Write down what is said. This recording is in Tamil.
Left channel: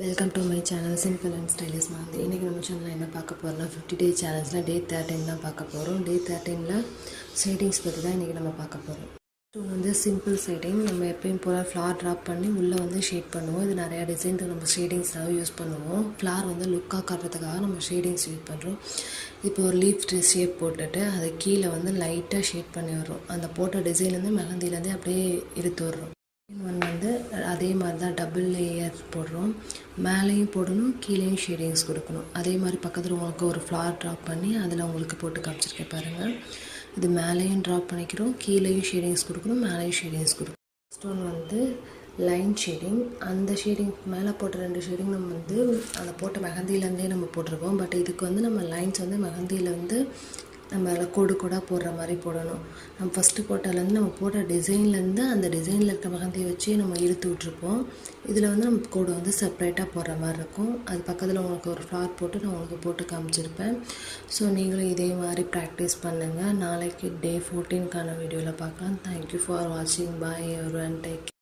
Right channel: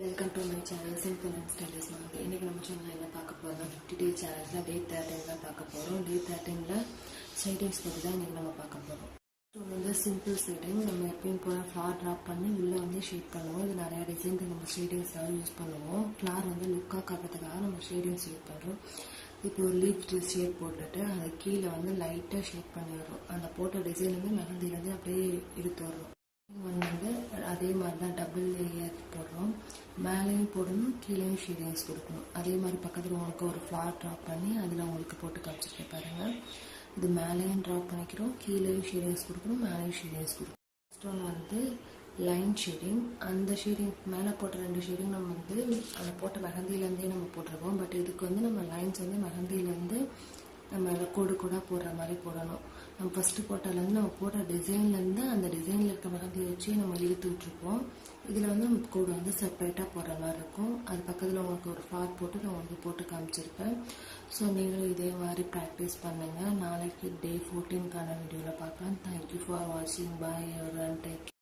Welcome to my channel simple and stylish மாதிரி. இன்றைக்கி நம்ம சேனலில் என்ன பார்க்க போகிறோம்னா 50 டே சேலஞ்சில் டே 13 தான் பார்க்க போகிறோம். டே 13ல் ஷேடிங்ஸ் பற்றி தான் இன்றைக்கி நம்ம பார்க்க போகிறோம். வந்து சிம்பிள் ஷேடிங். நம்ம எப்பயும் போல் ஃப்ளார் ட்ராப் பண்ணி உள்ளே வந்து ஷேட் பண்ணுவோம். இது நிறையா டிசைனுக்கு நம்ம ஷேடிங்ஸாக யூஸ் பண்ணுவோம். ஃப்ளார் வந்து லுக்காக காட்டுறதுக்காக நம்ம ஷேடிங்ஸ் யூஸ் பண்ணுறோம். இப்போ ஒரு லீஃப் ஷேப் போட்டுட்டு அதை கீழே வந்து லைட்டாக ஷேட் பண்ணி வர்றோம். அந்த போட்ட டிசைன் வந்து மெஹந்திலேருந்தே அப்படியே எடுத்து வர்றோம். ஒன் வந்து அதே மாதிரி தான் டபுள் லேயர் போடுறோம். மேலேயும் போடணும், கீழேயும் ஷேடிங்ஸ் கொடுக்கணும். அதே மாதிரி பக்கத்தில் உங்களுக்கு ஒரு ஃப்ளார் ட்ராப் பண்ணி அதில் உங்களுக்கு போட்டு காமிச்சிருக்கேன் பாருங்கள். இது மேலேயும் ட்ராப் பண்ணிக்கிறோம், கீழேயும் ஷேடிங்ஸ் கொடுக்கணும், மேலேயும் ஷேடிங்ஸ் கொடுக்கணும். ஃபஸ்ட் ஒன் வந்து லைன் ஷேடிங். அந்த ஷேடிங் மேலே போட்ட 2 ஷேடிங் நம்ம வந்து அந்த போட்ட மெஹந்திலேருந்தே நம்ம போட்டிருக்கோம். பட் இதுக்கு வந்து நம்ம லைன்ஸ் வந்து மெஹந்தியில் வந்து நம்ம அதில் கோடு கோடாக போடுற மாதிரி போடணும். நம்ம ஃபஸ்ட்டு போட்டதுலேருந்து நம்ம போட்ட டிசைன்லேருந்து அந்த டிசைனில் இருக்க மெஹந்தியை வச்சு நம்ம இழுத்து விட்ருப்போம். இதில் வந்து நம்ம கோடு வந்து செப்ரேட்டாக போடுற மாதிரி இருக்கும். அது பக்கத்தில் உங்களுக்கு ஒரு ஃப்ளார் போட்டு நான் உங்களுக்கு போட்டு காமிச்சிருப்பேன். ஸோ நீங்களும் இதே மாதிரி ப்ராக்டிஸ் பண்ணுங்கள். நாளைக்கு டே 14க்கான வீடியோவில் பார்க்கலாம். தேங்க்யூ ஃபார் வாட்சிங். பாய் எவரிவன். டேக்